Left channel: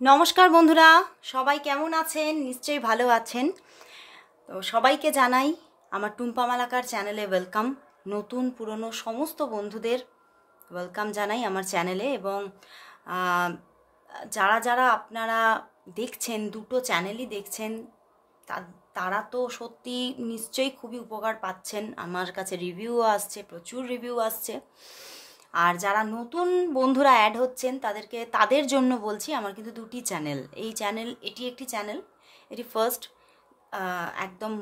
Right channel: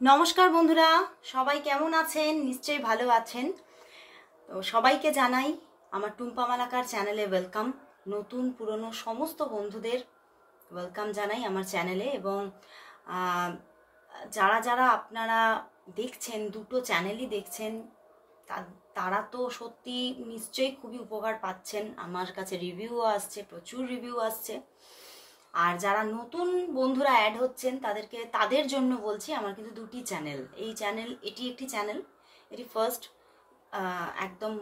নমস্কার বন্ধুরা, সবাই কেমন আছেন? নিশ্চয়ই ভালো আছেন। তো সবাইকে জানাই আমার টুম্পা মালাকার চ্যানেলে ওয়েলকাম। নতুন পুরনো সমস্ত বন্ধুদের ওয়েলকাম জানাই আমার চ্যানেলে। এবং যারা যারা আপনারা দেখছেন, দুটো চ্যানেলই দেখছেন, তারা তো সত্যি নিশ্চয়ই খুবই উপকার পাচ্ছেন। আমার কাছে রিভিউও আসছে, প্রচুর রিভিউ আসছে। আর যারা নতুন বন্ধুরা অ্যাড হচ্ছেন তাদের জন্য বলছি, আমার কিন্তু দুটি চ্যানেল। এটি একটি চ্যানেল, এটি ফার্স্ট, একদম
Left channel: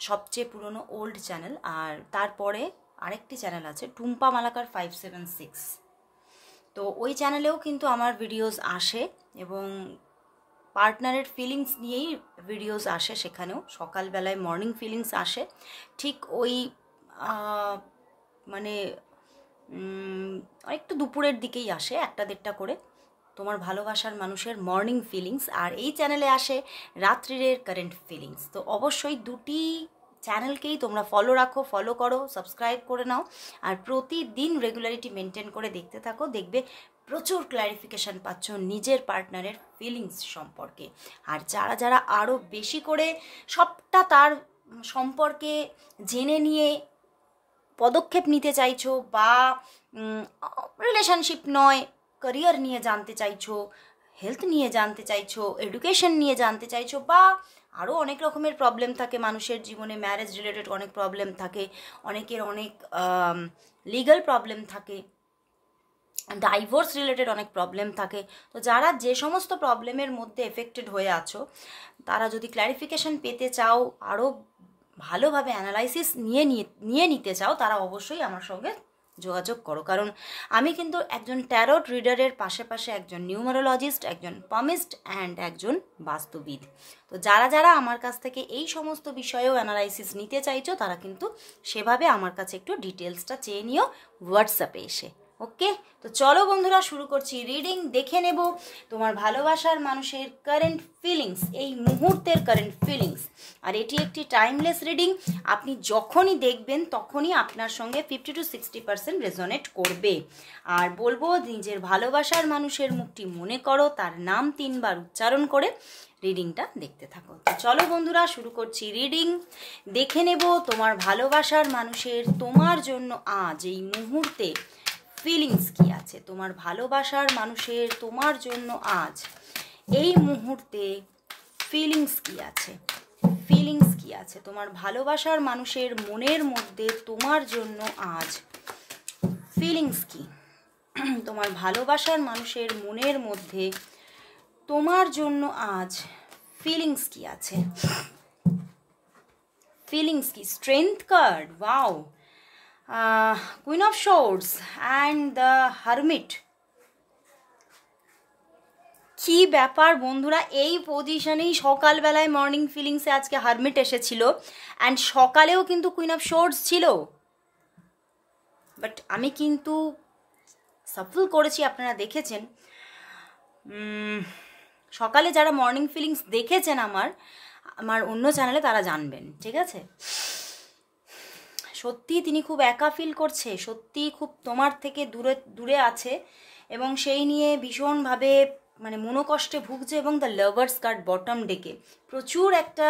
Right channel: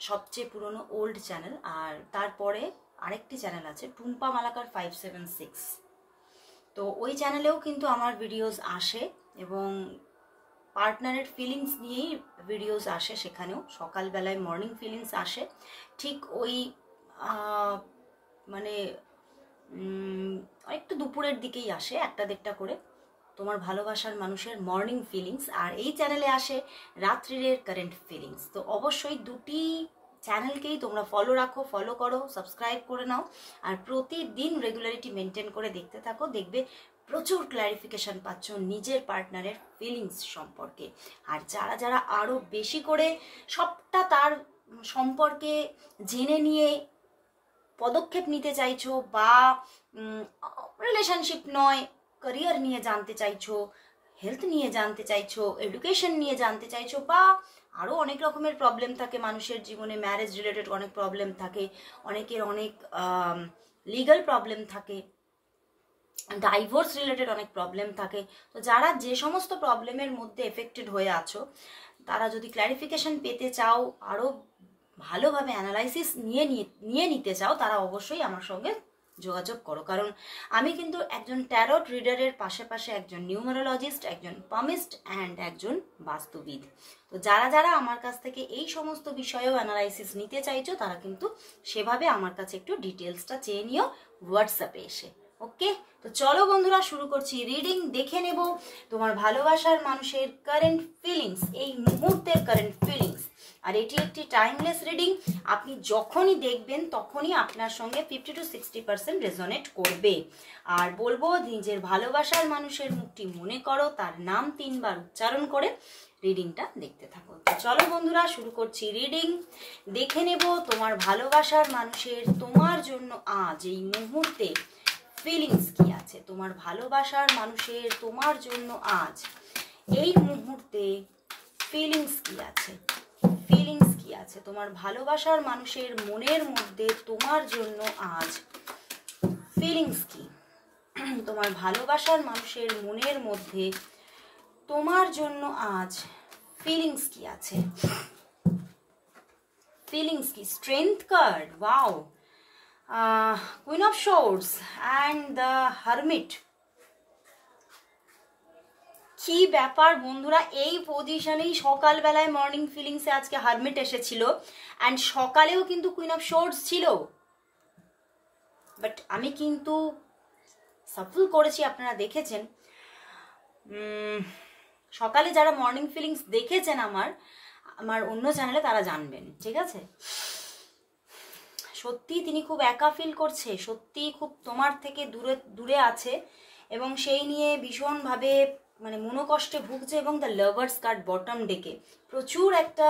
সবচেয়ে পুরনো ওল্ড চ্যানেল। আর তারপরে আরেকটি চ্যানেল আছে টুম্পা মালাকার 576। তো ওই চ্যানেলেও কিন্তু আমার ভিডিওস আসে এবং পার্টনারের ফিলিংস নিয়েই ভিডিওস আসে। সেখানেও সকালবেলায় মর্নিং ফিলিংস আসে, ঠিক ওই মানে একটু দুপুরের দিকেই আসে, 1-1:30 করে, তোমার ভালোবাসার মানুষের মর্নিং ফিলিংস। আর এই চ্যানেলে আসে রাত্রিরের কারেন্ট ফিলিংস। তো অবশ্যই দুটি চ্যানেলকেই তোমরা ফলো করো, সাবস্ক্রাইব করে নাও। আর প্রতিদিন রেগুলারিটি মেনটেন করে দেখতে থাকো, দেখবে প্রচুর ক্ল্যারিফিকেশান পাচ্ছ নিজের পার্টনারের ফিলিংস সম্পর্কে। আর যারা যারা আরও বেশি করে সবটা তার সম্পর্কে জেনে নিয়ে পদক্ষেপ নিতে চাইছো, বা রিলেশনশিপ নয় ক্যারিয়ার নিয়ে জানতে চাইছো, হেলথ নিয়ে জানতে চাইছো, এডুকেশন নিয়ে জানতে চাইছো, বা আরও অনেক রকমের প্রবলেম থাকে মানুষের জীবনে, ম্যারেজ রিলেটেড অনেক প্রবলেম থাকে, অনেকের অনেক লিগাল প্রবলেম থাকে, ডাইভোর্স রিলেটেড অনেক প্রবলেম থাকে। তো যারা যে সমস্ত প্রবলেমের মধ্যে এফেক্টেড হয়ে আছো, তারা যদি ক্ল্যারিফিকেশন পেতে চাও, আরও ভালোভাবে অ্যানালাইসিস নিয়ে নিতে চাও, তারা অবশ্যই আমার সঙ্গে যোগাযোগ করো। কারণ আমি কিন্তু একজন ট্যারোট রিডারের পাশে একজন নিউমারোলজিস্ট, একজন পামিস্ট অ্যান্ড একজন বাস্তুবিদ। তো যারা যারা আমার কাছ থেকে এই সমস্ত বিষয়েও অ্যানালাইসিস নিতে চাইছো, তারা কিন্তু সেভাবে আমার কাছে একটু ডিটেলসটা চেয়ে নিও হোয়াটসঅ্যাপে এসে। ওকে, তো চলো বন্ধুরা, শুরু করছি রিডিং। দেখে নেব তোমার ভালোবাসার মানুষের কারেন্ট ফিলিংস, এই মুহূর্তের কারেন্ট ফিলিংস। আর এটি একটি টাইমলেস রিডিং। আপনি যখনই দেখবেন তখনই আপনার সঙ্গে 50 to 60% রেজোনেট করবে। আর বলবো, নিজের ভালোবাসার মানুষের মুখটি মনে করো, তার নাম 3 বার উচ্চারণ করে রিডিংটা দেখতে থাকো। তো চলো বন্ধুরা, শুরু করছি রিডিং। দেখে নেব তোমার ভালোবাসার মানুষের তোমার জন্য আজ এই মুহূর্তে ফিলিংস কি আছে। তোমার ভালোবাসার মানুষের তোমার জন্য আজ এই মুহূর্তে ফিলিংস কি আছে, ফিলিংস কি আছে তোমার ভালোবাসার মানুষের মনের মধ্যে তোমার জন্য আজ ফিলিংস কি। তোমার ভালোবাসার মানুষের মনের মধ্যে তোমার জন্য আজ ফিলিংস কি আছে, ফিলিংস কি। Strength card, wow, queen of swords and the hermit. কি ব্যাপার বন্ধুরা, এই পজিশনেই সকালবেলায় মর্নিং ফিলিংসে আজকে হারমিট এসেছিল, অ্যান্ড সকালেও কিন্তু কুইন অফ সোর্ডস ছিল। বাট আমি কিন্তু সাফল করেছি, আপনারা দেখেছেন। সকালে যারা মর্নিং ফিলিংস দেখেছেন আমার অন্য চ্যানেলে, তারা জানবেন, ঠিক আছে। সত্যি তিনি খুব একা ফিল করছে, সত্যি খুব তোমার থেকে দূরে আছে, এবং সেই নিয়ে ভীষণভাবে মানে মনোকষ্টে ভুগছে। এবং দ্য লাভার্স কার্ড বটম ডেকে প্রচুর একটা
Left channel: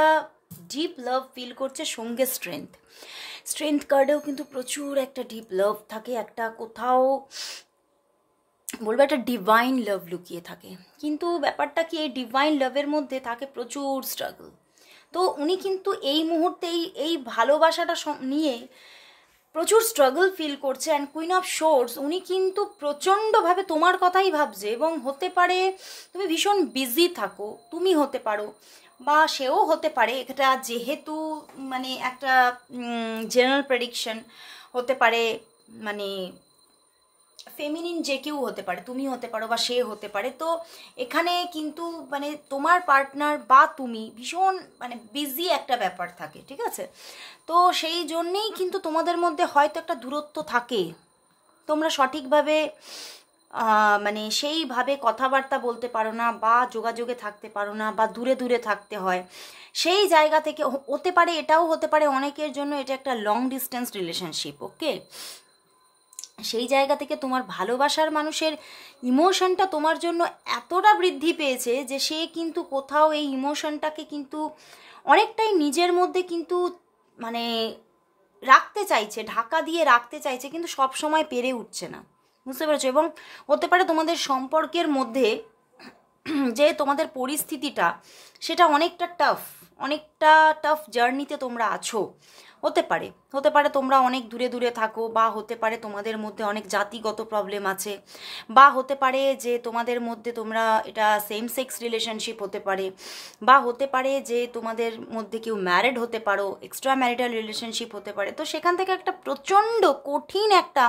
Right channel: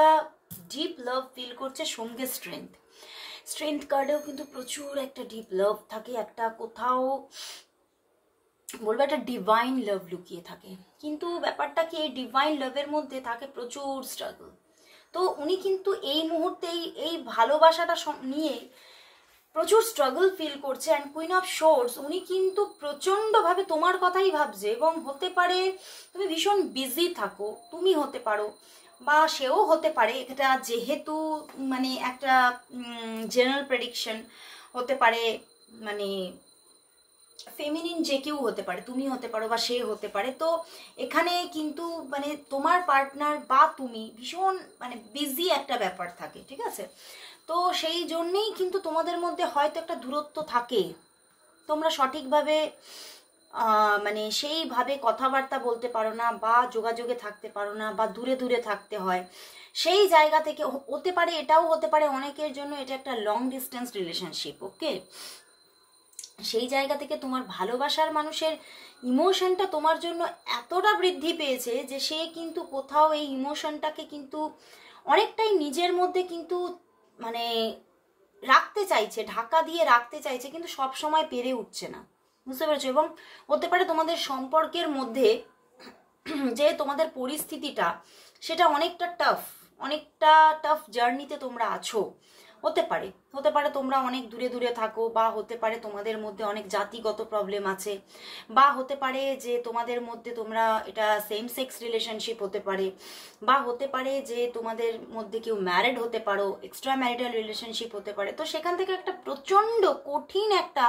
ডিপ লাভ ফিল করছে, সঙ্গে স্ট্রেংথ কার্ডেও কিন্তু প্রচুর একটা ডিপ লাভ থাকে, একটা কোথাও বলবো একটা ডিভাইন লাভ লুকিয়ে থাকে। কিন্তু ব্যাপারটা কি, এই ডিভাইন লাভের মধ্যে থাকে প্রচুর স্ট্রাগল। তো উনি কিন্তু এই মুহূর্তে এই ভালোবাসাটা নিয়ে প্রচুর স্ট্রাগল ফিল করছে। অ্যান্ড কুইন অফ সোর্স, উনি কিন্তু প্রচণ্ডভাবে তোমার কথাই ভাবছে, এবং হতে পারে তুমি ভীষণ বিজি থাকো, তুমি হতে পারো, বা সেও হতে পারে। এটা যেহেতু মানে একটা জেনারেল প্রেডিকশন হতে পারে, মানে ফেমিনিন যে কেউ হতে পারে, তুমি হতে পারো বা সে হতে পারে। তো এখানে কিন্তু মানে তোমার পার্টনার বা তুমি ভীষণ মানে বিজি একটা ব্যাপার থাকে, ঠিক আছে। তো সেই জন্যেই কিন্তু তোমাদের মধ্যে হয়তো একটা দূরত্ব থাকে, তোমরা সঠিকভাবে মানে সেইভাবে কথাবার্তা বলতে পারো না, বা যোগাযোগে থাকতে পারো না, বা দূরে দূরে থাকতে হয়। সেই জায়গা থেকে হতে পারে, এটাও হতে পারে অনেকের জন্য এটা একটা লং ডিস্টেন্স রিলেশনশিপ। ওকে, সেই জায়গা থেকে তোমার ভালোবাসার মানুষের ইমোশনটা তোমার জন্য এতটা বৃদ্ধি পেয়েছে যে সে কিন্তু কোথাও এই ইমোশনটাকে কিন্তু অনেকটাই নিজের মধ্যে কিন্তু মানে রাখতে চাইছে, ঢাকা দিয়ে রাখতে চাইছে, কিন্তু সব সময় পেরে উঠছে না, বুঝতে পেরেছো? এবং হতে পারে তোমাদের সম্পর্কের মধ্যে যে তোমাদের পরিস্থিতিটা সেটা অনেকটা টাফ জার্নিতে তোমরা আছো। হতে পারে তোমরা অনেক দূরে দূরে থাকো, বা হতে পারে তোমাদের মধ্যে অনেক জাতিগত প্রবলেম আছে, বা হতে পারে যে তোমাদের মধ্যে তোমরা এটা সেম সেক্স রিলেশনশিপ হতে পারে, বা হতে পারে যে তোমাদের মধ্যে কেউ ম্যারিড হতে পারো, এক্সট্রা ম্যারিটাল রিলেশনশিপ হতে পারে। তো সেখান থেকে একটা প্রচণ্ড কঠিন একটা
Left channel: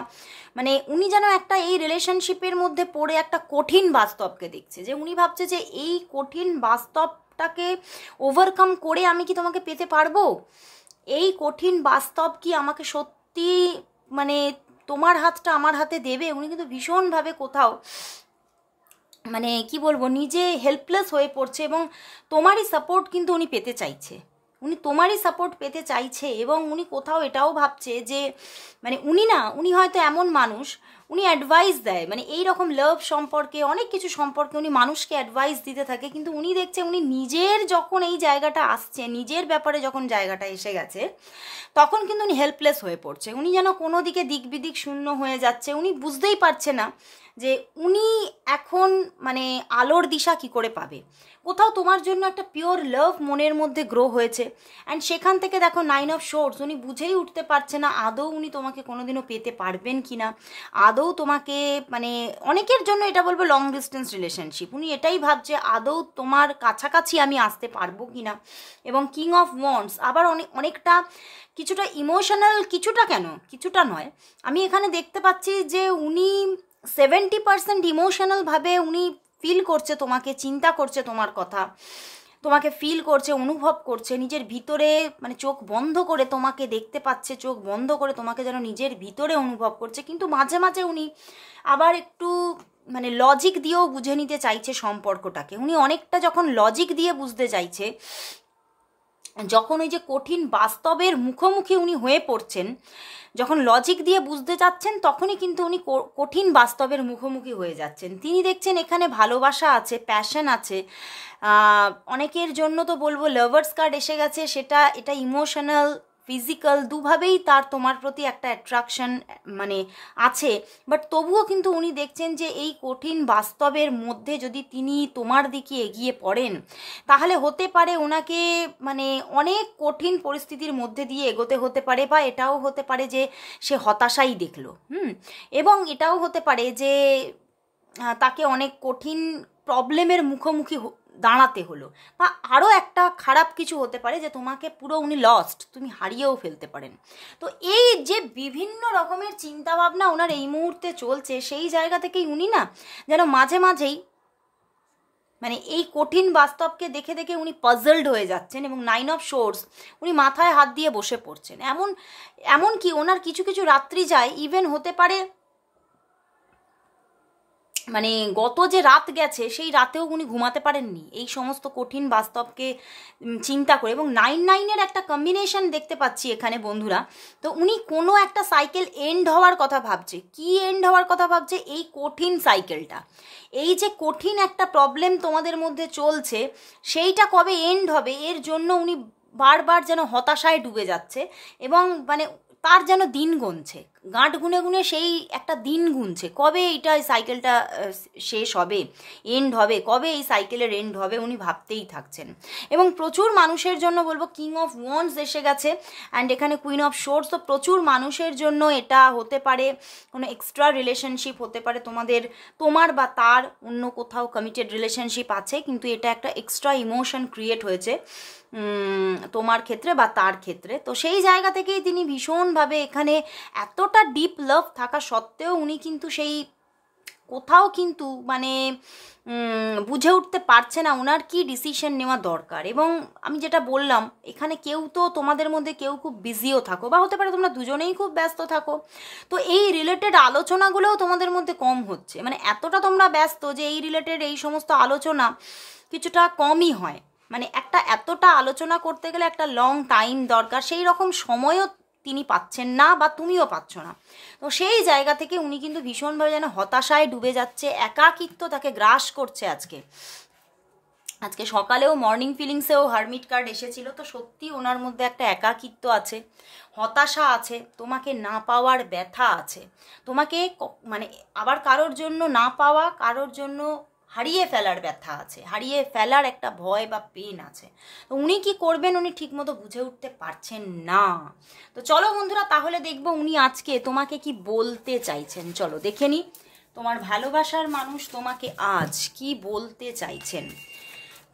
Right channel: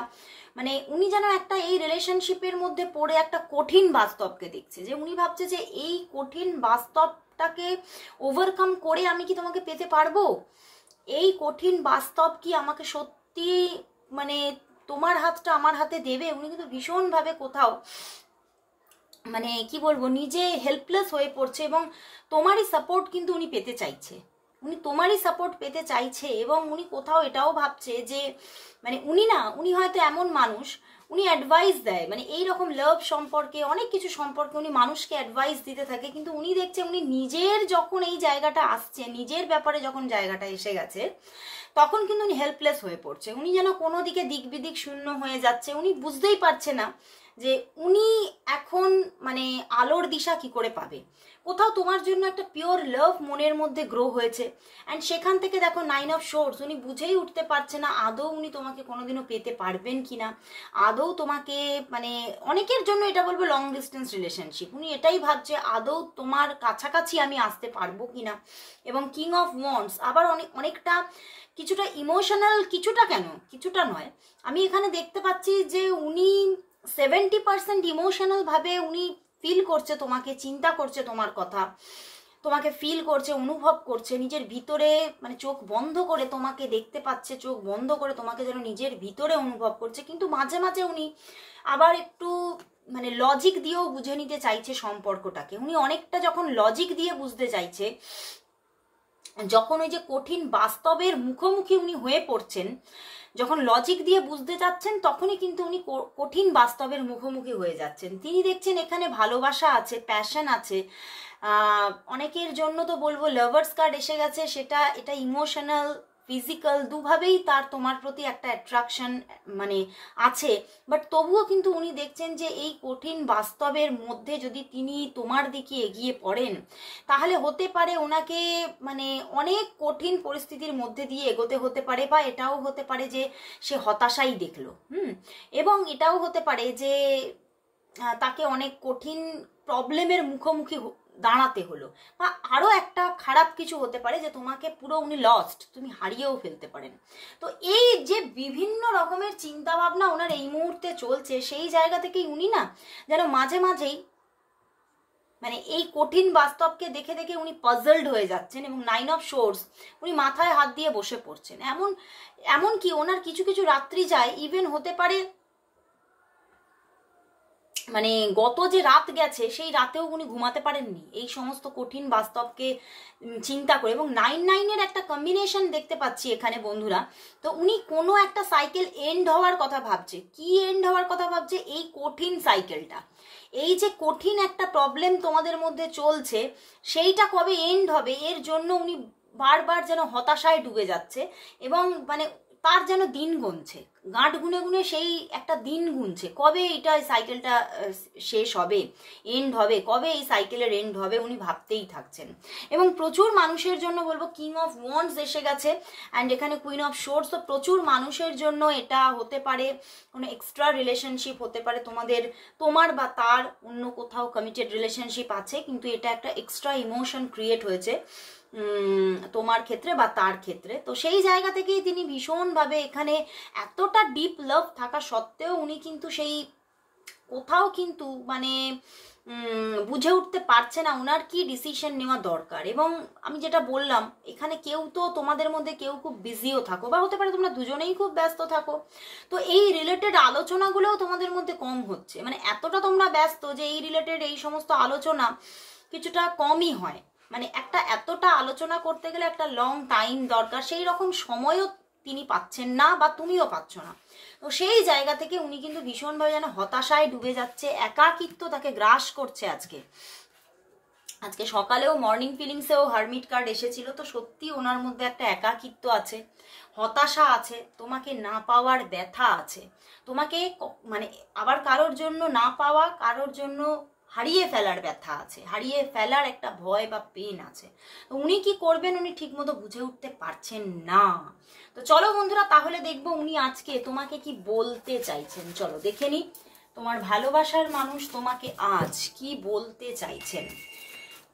মানে উনি যেন একটা এই রিলেশনশিপের মধ্যে পড়ে একটা কঠিন বাস্তবকে দেখছে, যে উনি ভাবছে যে এই কঠিন বাস্তবটাকে ওভারকাম করে আমি কি তোমাকে পেতে পারবো? এই কঠিন বাস্তব কি আমাকে সত্যি মানে তোমার হাতটা আমার হাতে দেবে? উনি কিন্তু ভীষণভাবে কোথাও মানে কি বলবো, নিজে হেল্পলেস হয়ে পড়ছে, এবং তোমারই সাপোর্ট কিন্তু উনি পেতে চাইছে, এবং উনি কোথাও এটাও ভাবছে যে মানে উনি হয়তো এমন মানুষ, উনি অ্যাডভাইস দেয়, মানে এই রকম লাভ সম্পর্কে অনেক কিছু সম্পর্কে উনি মানুষকে অ্যাডভাইস দিতে থাকে, কিন্তু উনি দেখছে উনি নিজের যখন এই জায়গাটা আসছে, নিজের ব্যাপারে যখন জায়গাটা এসে গেছে, তখন কিন্তু উনি হেল্পলেস হয়ে পড়ছে। উনি যেন কোনো দিকে দিক বিদিক শূন্য হয়ে যাচ্ছে, উনি বুঝতেই পারছে না যে উনি এখন মানে আলোর দিশা কি করে পাবে। কোথাও তোমার জন্য একটা পিওর লাভ মনের মধ্যে গ্রো হয়েছে, অ্যান্ড সেখান থেকে দেখো 9 অফ সোর্স, উনি বুঝেই উঠতে পারছে না আদৌ উনি তোমাকে কোনোদিনও পেতে পারবেন কি না, আদৌ তোমাকে মানে অনেকের জন্য এটা বলবো লং ডিস্টেন্স রিলেশনশিপ, উনি এটাই ভাবছে আদৌ তোমার কাছাকাছি আমি আসতে পারবো কি না। এবং কিং অফ ওয়ান্ডস আবার অনেকটা কিছুটা ইমোশনাল, কিছুটা নয়, আমি এখানে দেখতে পাচ্ছি যে উনি 70% ইমোশনালভাবে উনি ফিল করছে তোমাকে, চিন্তা করছে তোমার কথা, তোমাকে ফিল করছে, অনুভব করছে নিজের ভিতরে, মানে চোখ বন্ধ করে তোমাকে দেখতে পাচ্ছে, চোখ বন্ধ করে তোমাকে যেন নিজের ভিতরে অনুভব করছে। কিন্তু মাঝে মাঝে উনি আবার একটু মানে লজিক দিয়েও বুঝে নিতে চাইছে সম্পর্কটাকে। উনি অনেকটা যখন লজিক দিয়ে বুঝতে চাইছে, যখন ওই যে কঠিন বাস্তবের মুখোমুখি উনি হয়ে পড়ছেন, যখন লজিক দিয়ে বুঝতে চাচ্ছেন, তখনই কিন্তু উনি কঠিন বাস্তবের মুখোমুখি হয়ে যাচ্ছেন। তিনি দেখছেন এখানে ভালোবাসা আছে, প্যাশন আছে, অনেকের জন্য তো বলবো লাভার্স কার্ড এসে গেছে, এটা ইমোশনাল ফিজিক্যাল দুভাবেই তার তোমার প্রতি একটা অ্যাট্রাকশন মানে আছে। বাট তবুও কিন্তু উনি দেখছেন যে এই কঠিন বাস্তবের মধ্যে যদি তিনি তোমার দিকে এগিয়ে পড়েন, তাহলে হতে পারে ওনাকে মানে অনেক কঠিন পরিস্থিতির মধ্যে দিয়ে এগোতে হতে পারে, বা এটাও হতে পারে যে সে হতাশাই দেখলো, এবং এটাও হতে পারে যে তাকে অনেক কঠিন প্রবলেমের মুখোমুখি দাঁড়াতে হলো, বা আরও একটা খারাপ কিছু হতে পারে যে তোমাকে পুরো উনি লস্ট, তুমি হারিয়েও ফেলতে পারেন। তো এই যে বিভিন্ন রকমের চিন্তাভাবনা ওনার এই মুহূর্তে চলছে, সেই জায়গা থেকেই উনি না যেন মাঝে মাঝেই মানে এই কঠিন বাস্তবকে দেখে দেখে উনি পাজলড হয়ে যাচ্ছেন, এবং 9 অফ সোর্স উনি মাথায় হাত দিয়ে বসে পড়ছেন। এমন কি ওনার কিছু কিছু রাত্রি যায়, ইভেন হতে পারে মানে গত যে রাত গেছে সেই রাতেও উনি ঘুমাতে পারেননি এই সমস্ত কঠিন বাস্তবকে চিন্তা করে। এবং 9-9-এর একটা কম্বিনেশন দেখতে পাচ্ছি এখানে বন্ধুরা। তো উনি কোনো একটা সাইকেল এন্ড হওয়ার কথা ভাবছে। কি এন্ড হওয়ার কথা ভাবছে? এই কঠিন সাইকেলটা, এই যে কঠিন একটা প্রবলেম তোমাদের মধ্যে চলছে, সেইটা কবে এন্ড হবে এর জন্য উনি বারবার যেন হতাশায় ডুবে যাচ্ছে, এবং মানে তার যেন দিন গুনছে, গাঁট গুনে গুনে সেই একটা দিন গুনছে, কবে এইটা সাইকেলটা শেষ হবে, এন্ড হবে, কবে এই সাইকেলের এন্ড হবে, উনি ভাবতেই থাকছেন। এবং প্রচুর মানুষের জন্য বলবো কিং অফ ওয়ান্ডস এসে গেছে, অ্যান্ড এখানে কুইন অফ সোর্স। তো প্রচুর মানুষের জন্য এটা হতে পারে কোনো এক্সট্রা রিলেশনশিপ, হতে পারে তোমার বা তার অন্য কোথাও কমিটেড রিলেশনশিপ আছে, কিন্তু এটা একটা এক্সট্রা ইমোশন ক্রিয়েট হয়েছে তোমার ক্ষেত্রে বা তার ক্ষেত্রে। তো সেই জায়গা থেকেই তিনি ভীষণভাবে এখানে এতটা ডিপ লাভ থাকা সত্ত্বেও উনি কিন্তু সেই কোথাও কিন্তু মানে বুঝে উঠতে পারছে না ওনার কি ডিসিশন নেওয়া দরকার। এবং আমি যেটা বললাম, এখানে কেউ তো তোমাদের মধ্যে কেউ খুব বিজিও থাকো, বা হতে পারে তোমরা দুজনেই খুব ব্যস্ত থাকো। তো এই রিলেটেড আলোচনাগুলোও তোমাদের মধ্যে কম হচ্ছে, মানে এতটা তোমরা ব্যস্ত যে এই রিলেটেড এই সমস্ত আলোচনা কিছুটা কমই হয়। মানে এতটা আলোচনা করতে গেলে একটা লং টাইম দরকার, সেই রকম সময়ও তিনি পাচ্ছেন না বা তুমিও পাচ্ছ না। তো সেই জায়গা থেকে উনি কিন্তু ভীষণভাবে যেন হতাশায় ডুবে যাচ্ছে, একাকিত্ব তাকে গ্রাস করছে। আজকে সকালেও মর্নিং ফিলিংসেও হারমিট কার্ড এসেছিল। তো সত্যি ওনার মধ্যে একটা একাকিত্ব আছে, হতাশা আছে, তোমাকে না পাওয়ার ব্যথা আছে, তোমাকে মানে আবার কারোর জন্য না পাওয়া, কারোর জন্য হারিয়ে ফেলার ব্যথা আছে, হারিয়ে ফেলার একটা ভয় বা পেন আছে। তো উনি কি করবেন উনি ঠিকমতো বুঝে উঠতে পারছেন না। তো চলো বন্ধুরা, তাহলে দেখবো উনি আজকে তোমাকে কি বলতে চাইছেন। চলো দেখে নি তোমার ভালোবাসার মানুষ তোমাকে আজ কি বলতে চাইছেন।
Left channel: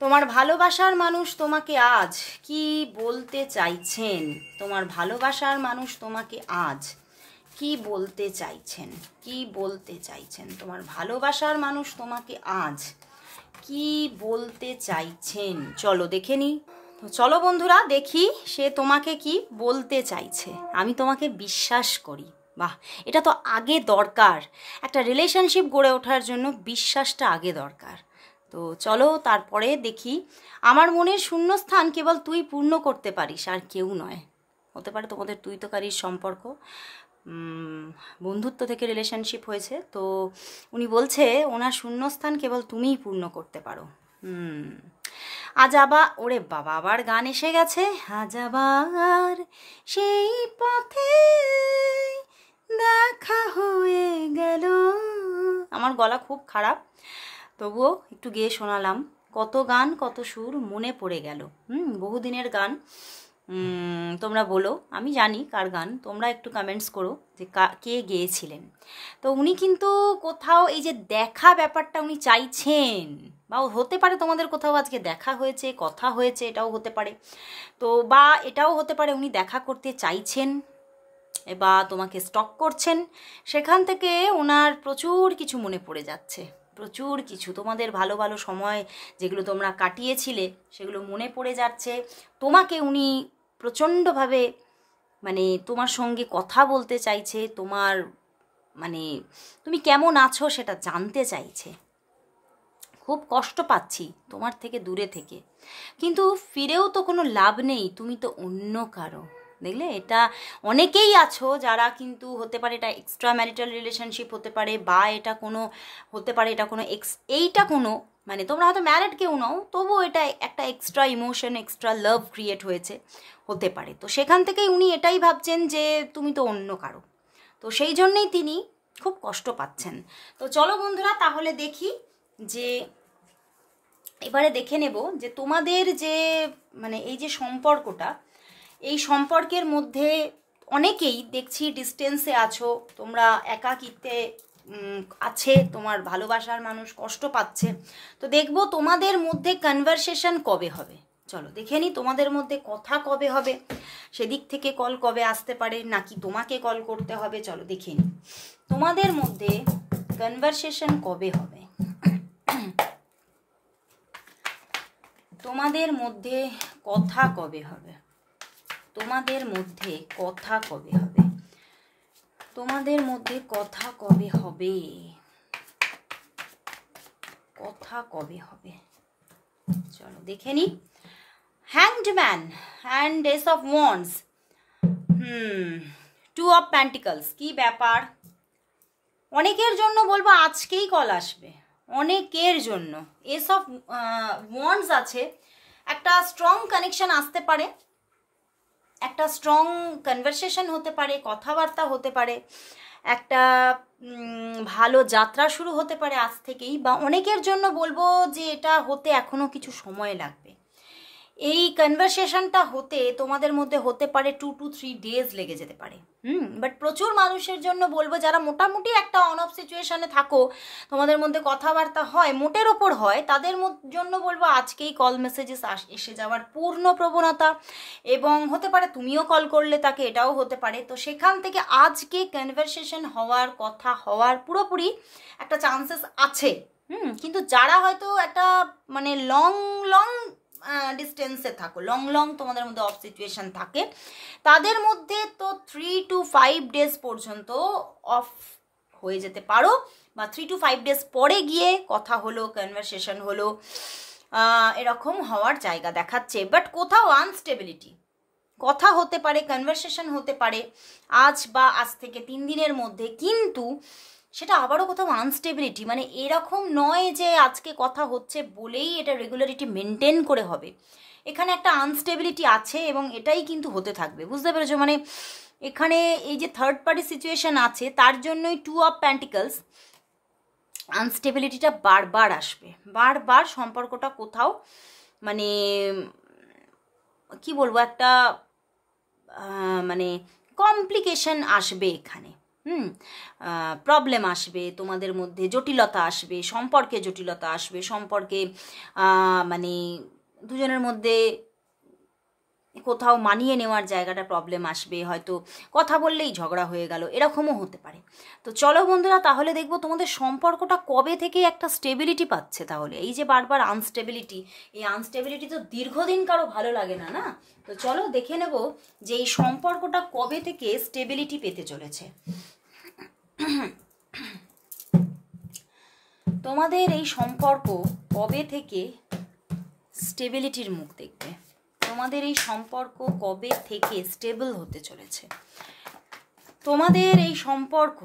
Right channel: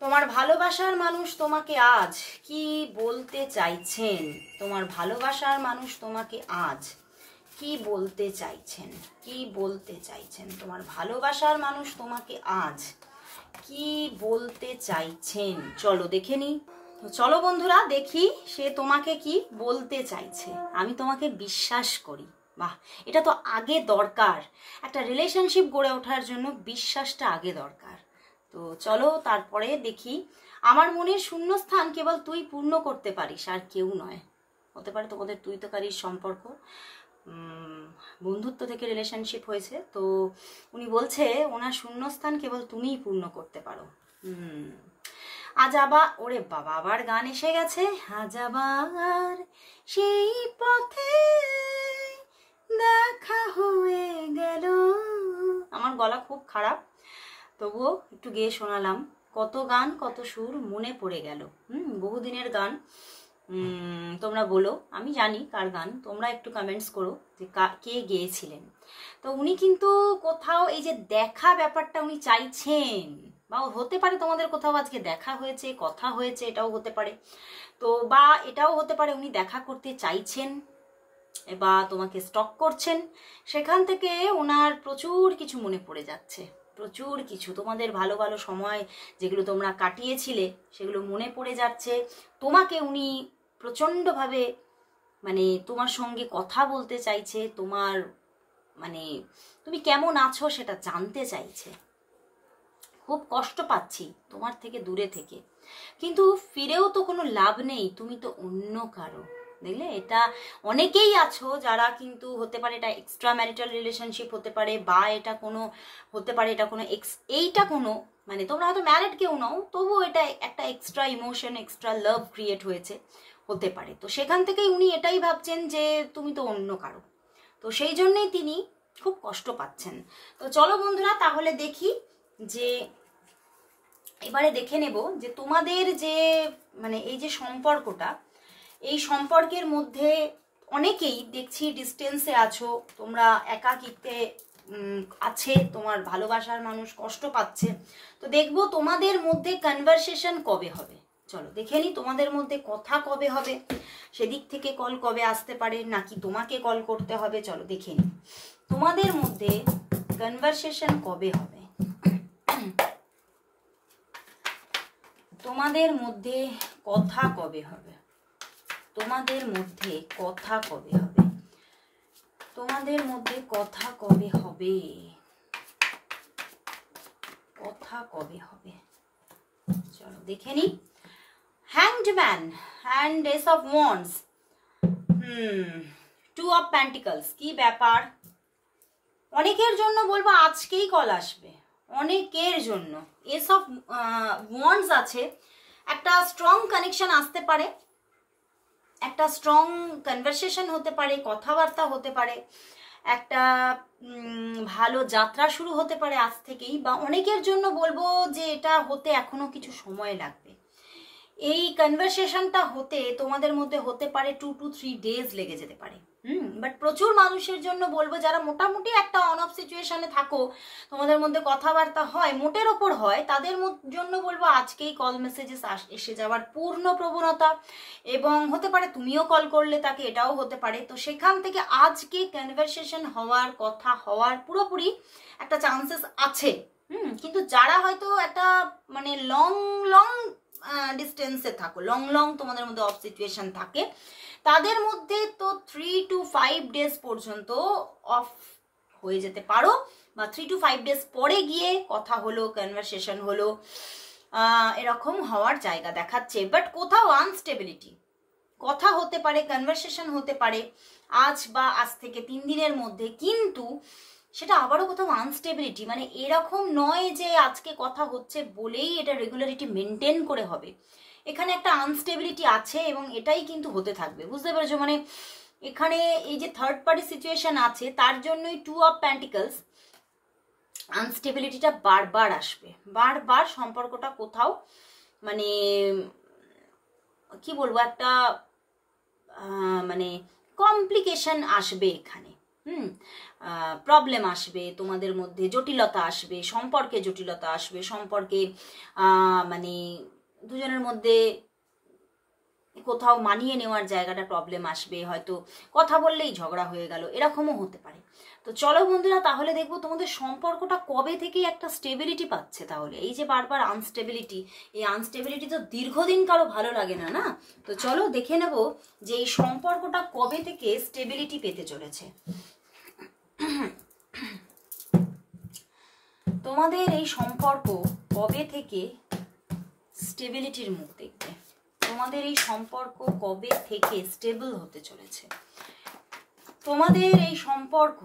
তোমার ভালোবাসার মানুষ তোমাকে আজ কি বলতে চাইছেন। তোমার ভালোবাসার মানুষ তোমাকে আজ কি বলতে চাইছেন, কি বলতে চাইছেন। তোমার ভালোবাসার মানুষ তোমাকে আজ কি বলতে চাইছেন। চলো দেখে নি। চলো বন্ধুরা দেখি সে তোমাকে কি বলতে চাইছে। আমি তোমাকে বিশ্বাস করি। বাহ, এটা তো আগে দরকার। একটা রিলেশনশিপ গড়ে ওঠার জন্য বিশ্বাসটা আগে দরকার। তো চলো তারপরে দেখি। আমার মনের শূন্যস্থান কেবল তুই পূর্ণ করতে পারিস, আর কেউ নয়। হতে পারে তোমাদের তুই তোকারির সম্পর্ক, বন্ধুত্ব থেকে রিলেশনশিপ হয়েছে। তো উনি বলছে ওনার শূন্যস্থান কেবল তুমিই পূর্ণ করতে পারো। আজ আবার, ওরে বাবা, আবার গান এসে গেছে। আজ আবার সেই পথে দেখা হয়ে গেল। আমার গলা খুব খারাপ, তবুও একটু গেয়ে শোনালাম। কত গান কত সুর মনে পড়ে গেল। বহুদিনের গান। তোমরা বলো, আমি জানি কার গান, তোমরা একটু কমেন্টস করো যে কে গেয়েছিলেন। তো উনি কিন্তু কোথাও এই যে দেখা ব্যাপারটা উনি চাইছেন, বা হতে পারে তোমাদের কোথাও আজকে দেখা হয়েছে, কথা হয়েছে, এটাও হতে পারে। তো বা এটাও হতে পারে উনি দেখা করতে চাইছেন বা তোমাকে স্টক করছেন। সেখান থেকে ওনার প্রচুর কিছু মনে পড়ে যাচ্ছে, প্রচুর কিছু তোমাদের ভালো ভালো সময় যেগুলো তোমরা কাটিয়েছিলে সেগুলো মনে পড়ে যাচ্ছে। তোমাকে উনি প্রচণ্ডভাবে মানে তোমার সঙ্গে কথা বলতে চাইছে, তোমার মানে তুমি কেমন আছো সেটা জানতে চাইছে। খুব কষ্ট পাচ্ছি তোমার থেকে দূরে থেকে, কিন্তু ফিরেও তো কোনো লাভ নেই, তুমি তো অন্য কারো। দেখলে, এটা অনেকেই আছো যারা কিন্তু হতে পারে এটা এক্সট্রা ম্যারিটাল রিলেশনশিপ হতে পারে, বা এটা কোনো হতে পারে এটা কোনো এইটা কোনো মানে তোমরা হয়তো ম্যারিড কেউ নও, তবুও এটা একটা এক্সট্রা ইমোশন, এক্সট্রা লাভ ক্রিয়েট হয়েছে, হতে পারে। তো সেখান থেকেই উনি এটাই ভাবছেন যে তুমি তো অন্য কারো। তো সেই জন্যেই তিনি খুব কষ্ট পাচ্ছেন। তো চলো বন্ধুরা তাহলে দেখি যে এবারে দেখে নেব যে তোমাদের যে মানে এই যে সম্পর্কটা, এই সম্পর্কের মধ্যে অনেকেই দেখছি ডিস্টেন্সে আছো, তোমরা একাকিত্বে আছে, তোমার ভালোবাসার মানুষ কষ্ট পাচ্ছে। তো দেখবো তোমাদের মধ্যে কনভারসেশন কবে হবে। চলো দেখে নি তোমাদের মধ্যে কথা কবে হবে, সেদিক থেকে কল কবে আসতে পারে, নাকি তোমাকে কল করতে হবে। চলো দেখে নি তোমাদের মধ্যে কনভারসেশন কবে হবে, তোমাদের মধ্যে কথা কবে হবে, তোমাদের মধ্যে কথা কবে হবে, তোমাদের মধ্যে কথা কবে হবে, কথা কবে হবে। চলো দেখে নি। Hanged man and ace of wands, two of pentacles. কি ব্যাপার, অনেকের জন্য বলবো আজকেই কল আসবে, অনেকের জন্য। এস অফ ওয়ান্ডস আছে, একটা স্ট্রং কানেকশন আসতে পারে, একটা স্ট্রং কনভারসেশন হতে পারে, কথাবার্তা হতে পারে, একটা ভালো যাত্রা শুরু হতে পারে আজ থেকেই। বা অনেকের জন্য বলবো যে এটা হতে এখনো কিছু সময় লাগবে। এই কনভারসেশনটা হতে তোমাদের মধ্যে হতে পারে 2 to 3 days লেগে যেতে পারে। বাট প্রচুর মানুষের জন্য বলবো যারা মোটামুটি একটা অন অফ সিচুয়েশনে থাকো, তোমাদের মধ্যে কথাবার্তা হয়, মোটের ওপর হয়, তাদের জন্য বলবো আজকেই কল মেসেজেস এসে যাওয়ার পূর্ণ প্রবণতা। এবং হতে পারে তুমিও কল করলে তাকে, এটাও হতে পারে। তো সেখান থেকে আজকে কনভারসেশন হওয়ার, কথা হওয়ার পুরোপুরি একটা চান্সেস আছে। কিন্তু যারা হয়তো একটা মানে লং ডিস্টেন্সে থাকো, লং তোমাদের মধ্যে অফ সিচুয়েশন থাকে, তাদের মধ্যে তো 3 to 5 days পর্যন্ত অফ হয়ে যেতে পারো, বা 3 to 5 days পরে গিয়ে কথা হলো, কনভারসেশন হলো, এরকম হওয়ার জায়গা দেখাচ্ছে। বাট কোথাও আনস্টেবিলিটি, কথা হতে পারে, কনভারসেশন হতে পারে আজ বা আজ থেকে 3 দিনের মধ্যে, কিন্তু সেটা আবারও কোথাও আনস্টেবিলিটি, মানে এরকম নয় যে আজকে কথা হচ্ছে বলেই এটা রেগুলারিটি মেনটেন করে হবে। এখানে একটা আনস্টেবিলিটি আছে এবং এটাই কিন্তু হতে থাকবে, বুঝতে পেরেছো? মানে এখানে এই যে থার্ড পার্টি সিচুয়েশন আছে তার জন্যই 2 অফ পেন্টিকলস, আনস্টেবিলিটিটা বারবার আসবে, বারবার সম্পর্কটা কোথাও মানে কি বলবো, একটা মানে কমপ্লিকেশন আসবে এখানে, প্রবলেম আসবে তোমাদের মধ্যে, জটিলতা আসবে, সম্পর্কে জটিলতা আসবে, সম্পর্কে মানে দুজনের মধ্যে কোথাও মানিয়ে নেওয়ার জায়গাটা প্রবলেম আসবে, হয়তো কথা বললেই ঝগড়া হয়ে গেল, এরকমও হতে পারে। তো চলো বন্ধুরা, তাহলে দেখবো তোমাদের সম্পর্কটা কবে থেকে একটা স্টেবিলিটি পাচ্ছে। তাহলে এই যে বারবার আনস্টেবিলিটি, এই আনস্টেবিলিটি তো দীর্ঘদিন কারো ভালো লাগে না, না? তো চলো দেখে নেব যে এই সম্পর্কটা কবে থেকে স্টেবিলিটি পেতে চলেছে। তোমাদের এই সম্পর্ক কবে থেকে স্টেবিলিটির মুখ দেখবে? তোমাদের এই সম্পর্ক কবে থেকে স্টেবল হতে চলেছে? তোমাদের এই সম্পর্ক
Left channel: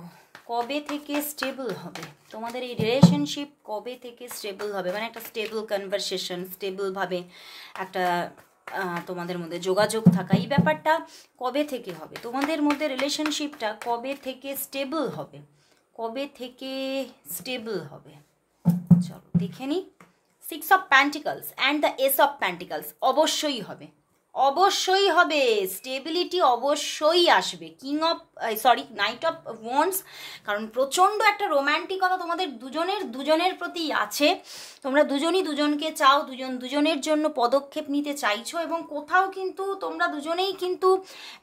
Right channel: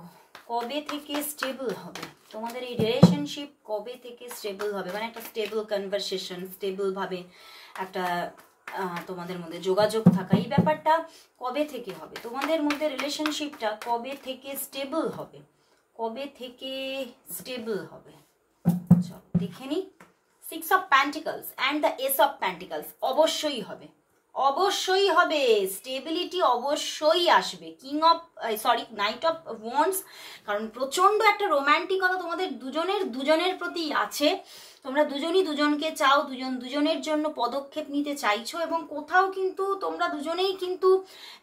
কবে থেকে স্টেবল হবে? তোমাদের এই রিলেশনশিপ কবে থেকে স্টেবল হবে? মানে একটা স্টেবল কনভারসেশন, স্টেবল ভাবে একটা তোমাদের মধ্যে যোগাযোগ থাকা, এই ব্যাপারটা কবে থেকে হবে? তোমাদের মধ্যে রিলেশনশিপটা কবে থেকে স্টেবল হবে? কবে থেকে স্টেবল হবে? চলো দেখে নি। 6 of pentacles and the S of pentacles, অবশ্যই হবে, অবশ্যই হবে, স্টেবিলিটি অবশ্যই আসবে। নাইট অফ ওয়ান্ডস, কারণ প্রচন্ড একটা রোম্যান্টিকতা তোমাদের দুজনের প্রতি আছে। তোমরা দুজনই দুজনকে চাও, দুজন দুজনের জন্য পদক্ষেপ নিতে চাইছো, এবং কোথাও কিন্তু তোমরা দুজনেই কিন্তু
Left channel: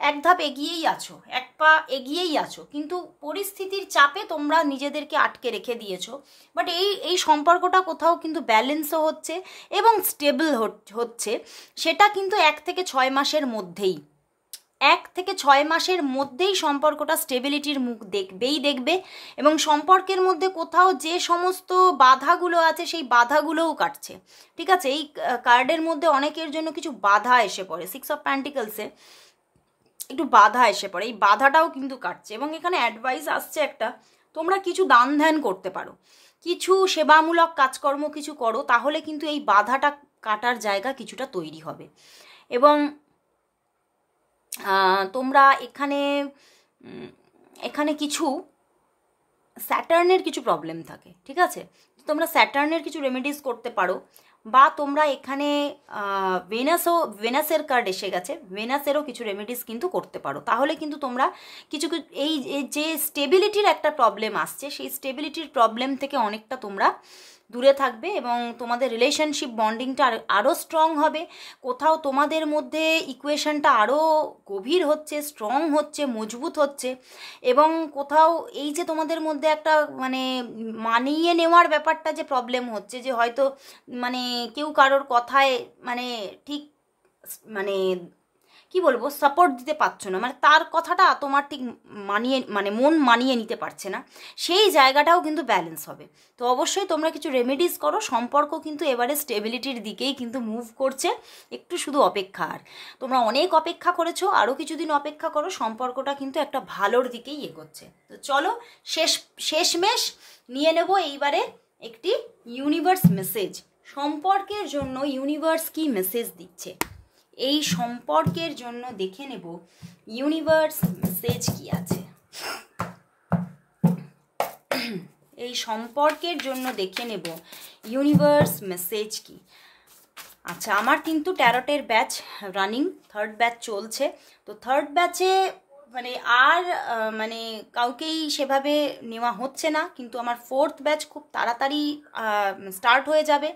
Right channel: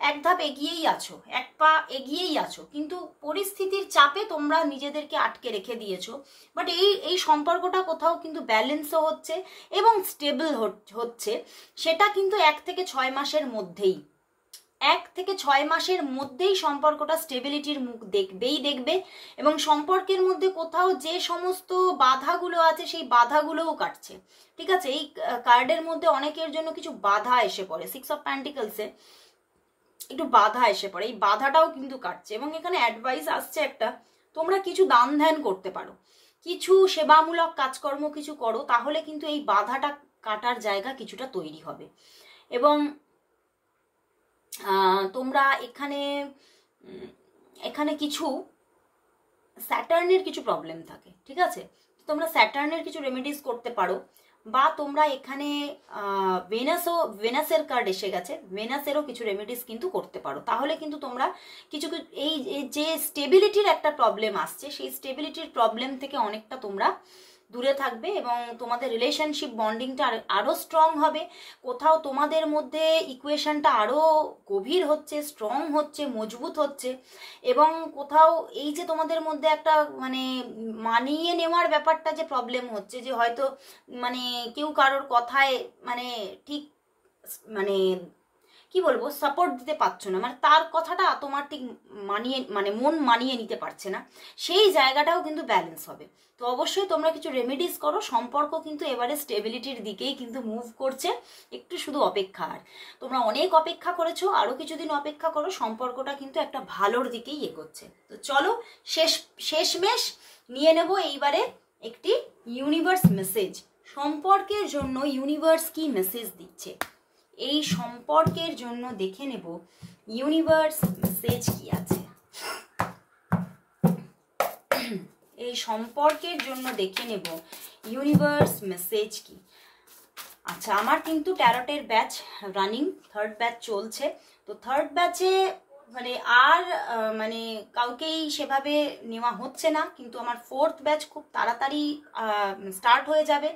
এক ধাপ এগিয়েই আছো, এক পা এগিয়েই আছো, কিন্তু পরিস্থিতির চাপে তোমরা নিজেদেরকে আটকে রেখে দিয়েছো। বাট এই সম্পর্কটা কোথাও কিন্তু ব্যালেন্সও হচ্ছে এবং স্টেবল হচ্ছে, সেটা কিন্তু 1 থেকে 6 মাসের মধ্যেই, 1 থেকে 6 মাসের মধ্যেই সম্পর্কটা স্টেবিলিটির মুখ দেখবে। এবং সম্পর্কের মধ্যে কোথাও যে সমস্ত বাধাগুলো আছে সেই বাধাগুলোও কাটছে, ঠিক আছে? এই কার্ডের মধ্যে অনেকের জন্য কিছু বাধা এসে পড়ে, 6 অফ পেন্টিকলসে একটু বাধা এসে পড়ে, এই বাধাটাও কিন্তু কাটছে। এবং এখানে অ্যাডভাইস আসছে একটা, তোমরা কিছু দান ধ্যান করতে পারো, কিছু সেবামূলক কাজকর্ম কিছু করো, তাহলে কিন্তু এই বাধাটা কাটার জায়গা কিছুটা তৈরি হবে। এবং তোমরা এখানে কিছু স্যাটার্নের কিছু প্রবলেম থাকে, ঠিক আছে? তোমরা স্যাটার্নের কিছু রেমেডিস করতে পারো, বা তোমরা এখানে ভেনাসের কার্ড এসে গেছে, ভেনাসেরও কিছু রেমেডিস কিন্তু করতে পারো। তাহলে কিন্তু তোমরা কিছু এই যে স্টেবিলিটির একটা প্রবলেম আসছে, সেই স্টেবিলিটির প্রবলেম থেকে অনেকটা তোমরা দূরে থাকবে এবং তোমাদের রিলেশনশিপ বন্ডিংটা আরও স্ট্রং হবে। কোথাও তোমাদের মধ্যে ইকুয়েশনটা আরও গভীর হচ্ছে, স্ট্রং হচ্ছে, মজবুত হচ্ছে। এবং কোথাও এই যে তোমাদের মধ্যে একটা মানে মানিয়ে নেওয়ার ব্যাপারটা যে প্রবলেম হচ্ছে, যে হয়তো মানে কেউ কারোর কথায় মানে ঠিক মানে কি বলবো সাপোর্ট দিতে পারছো না, মানে তার কথাটা তোমার ঠিক মন মানিয়ে নিতে পারছে না, সেই জায়গাটাও কিন্তু ব্যালেন্স হবে। তো অবশ্যই তোমরা কিছু রেমেডিস করো, সম্পর্ক কিন্তু এবারে স্টেবিলিটির দিকেই কিন্তু মুভ করছে, একটু শুধু অপেক্ষা। আর তোমরা অনেক অপেক্ষা করেছো, আরও কিছুদিন অপেক্ষা করো, সম্পর্কটা কিন্তু একটা ভালোর দিকেই এগোচ্ছে। তো চলো শেষমেশ নিয়ে নেব এইবারে একটি ইউনিভার্স মেসেজ। সম্পর্কের জন্য ইউনিভার্স কি মেসেজ দিচ্ছে এই সম্পর্কের জন্য দেখে নেব ইউনিভার্স মেসেজ কি আছে। এই সম্পর্কের জন্য দেখে নেব ইউনিভার্স মেসেজ কি। আচ্ছা, আমার কিন্তু ট্যারটের ব্যাচ রানিং, 3rd ব্যাচ চলছে। তো 3rd ব্যাচে মানে আর মানে কাউকেই সেভাবে নেওয়া হচ্ছে না, কিন্তু আমার 4th ব্যাচ খুব তাড়াতাড়ি স্টার্ট হয়ে যাবে।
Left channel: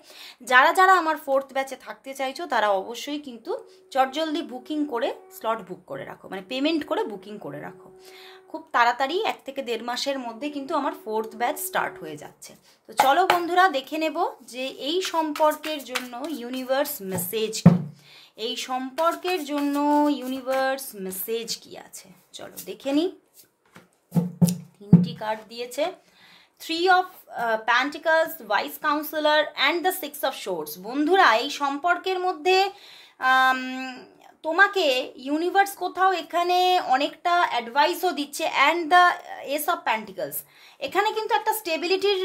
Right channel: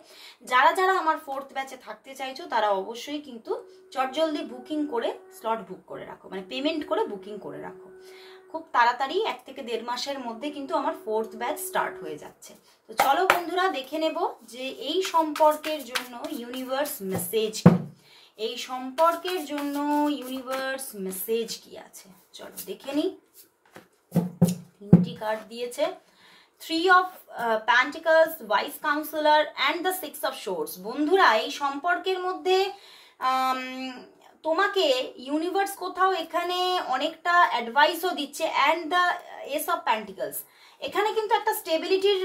যারা যারা আমার 4th ব্যাচে থাকতে চাইছো তারা অবশ্যই কিন্তু চটজলদি বুকিং করে স্লট বুক করে রাখো, মানে পেমেন্ট করে বুকিং করে রাখো। খুব তাড়াতাড়ি 1 থেকে 1.5 মাসের মধ্যে কিন্তু আমার 4th ব্যাচ স্টার্ট হয়ে যাচ্ছে। তো চলো বন্ধুরা দেখে নেব যে এই সম্পর্কের জন্য ইউনিভার্স মেসেজ কি, এই সম্পর্কের জন্য ইউনিভার্স মেসেজ কি আছে। চলো দেখে নি। 3টি কার্ড দিয়েছে, 3 of pentacles, wise councillor and the 6 of swords. বন্ধুরা এই সম্পর্কের মধ্যে তোমাকে ইউনিভার্স কোথাও এখানে অনেকটা অ্যাডভাইসও দিচ্ছে। And the S of pentacles, এখানে কিন্তু একটা স্টেবিলিটির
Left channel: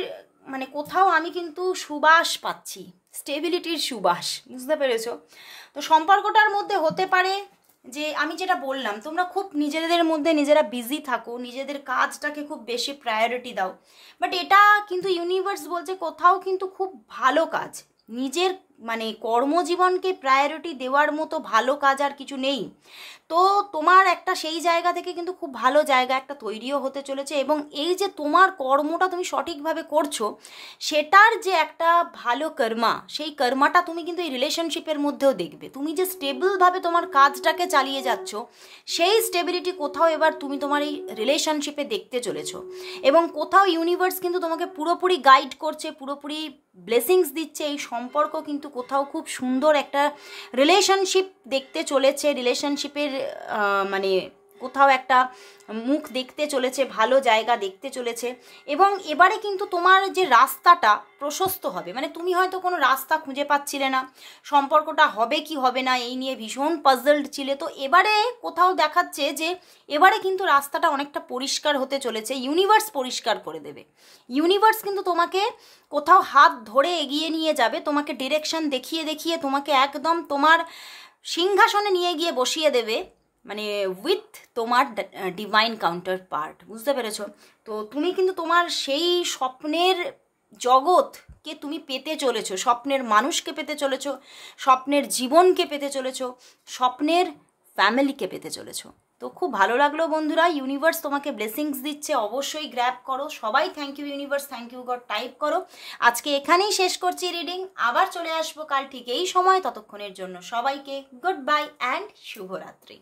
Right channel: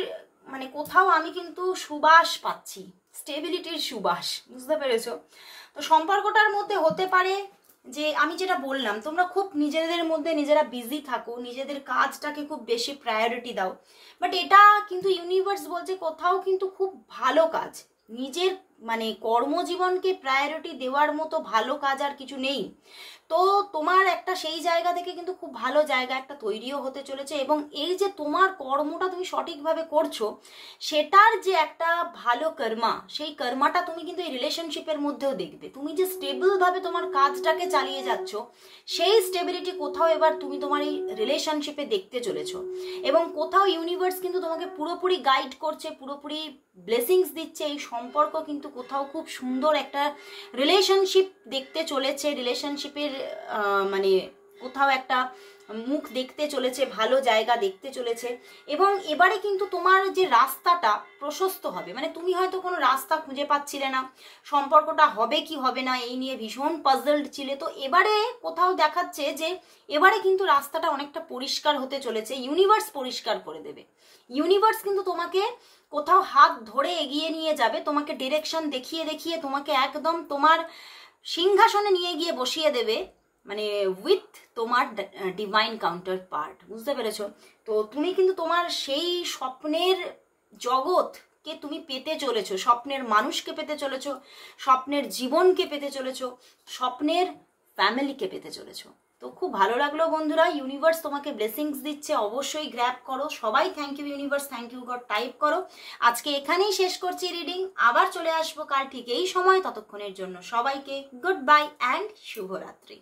মানে কোথাও আমি কিন্তু সুবাস পাচ্ছি, স্টেবিলিটির সুবাস, বুঝতে পেরেছো? তো সম্পর্কটার মধ্যে হতে পারে যে আমি যেটা বললাম, তোমরা খুব নিজেদের মধ্যে নিজেরা বিজি থাকো, নিজেদের কাজটাকে খুব বেশি প্রায়োরিটি দাও, বাট এটা কিন্তু ইউনিভার্স বলছে কোথাও কিন্তু খুব ভালো কাজ, নিজের মানে কর্মজীবনকে প্রায়োরিটি দেওয়ার মতো ভালো কাজ আর কিছু নেই। তো তোমার একটা সেই জায়গা থেকে কিন্তু খুব ভালো জায়গা একটা তৈরিও হতে চলেছে, এবং এই যে তোমার কর্মটা তুমি সঠিকভাবে করছো সেটার যে একটা ভালো কর্মা, সেই কর্মাটা তুমি কিন্তু এই রিলেশনশিপের মধ্যেও দেখবে। তুমি যে স্টেবলভাবে তোমার কাজটাকে চালিয়ে যাচ্ছ, সেই স্টেবিলিটি কোথাও এবার তুমি তোমার এই রিলেশনশিপে দেখতে চলেছো। এবং কোথাও ইউনিভার্স কিন্তু তোমাকে পুরোপুরি গাইড করছে, পুরোপুরি ব্লেসিংস দিচ্ছে। এই সম্পর্ক কিন্তু কোথাও খুব সুন্দর একটা রিলেশনশিপ দেখতে চলেছে, রিলেশনশিপের মানে কোথাও একটা মুখ দেখতে চলেছে, ভালো জায়গা দেখতে চলেছে। এবং এবারে কিন্তু তোমার যে রাস্তাটা প্রশস্ত হবে, মানে তুমি হয়তো কোনো রাস্তা খুঁজে পাচ্ছিলে না, সম্পর্কটা হবে কি হবে না এই নিয়ে ভীষণ পাজলড ছিলে, তো এবারে কোথাও দেখাচ্ছে যে এবারে কিন্তু রাস্তাটা অনেকটা পরিষ্কার হতে চলেছে, ইউনিভার্স পরিষ্কার করে দেবে। ইউনিভার্স কিন্তু তোমাকে কোথাও হাত ধরে এগিয়ে নিয়ে যাবে, তোমাকে ডিরেকশন দেখিয়ে দেখিয়ে তোমাকে একদম তোমার সিংহাসনে নিয়ে গিয়ে বসিয়ে দেবে, মানে উইথ তোমার ডিভাইন কাউন্টার পার্ট, বুঝতে পেরেছো? তো তুমি কিন্তু তোমার সেই স্বপ্নের জগৎকে তুমি পেতে চলেছো, স্বপ্নের মানুষকে পেতে চলেছো, স্বপ্নের জীবনকে পেতে চলেছো, স্বপ্নের ফ্যামিলিকে পেতে চলেছো। তো খুব ভালো লাগলো বন্ধুরা, ইউনিভার্স তোমাকে ব্লেসিংস দিচ্ছে, অবশ্যই গ্র্যাব করো। সবাই thank you universe, thank you God type করো। আজকে এখানেই শেষ করছি রিডিং, আবার চলে আসবো কাল ঠিক এই সময়। ততক্ষণের জন্য সবাইকে গুড বাই অ্যান্ড শুভরাত্রি।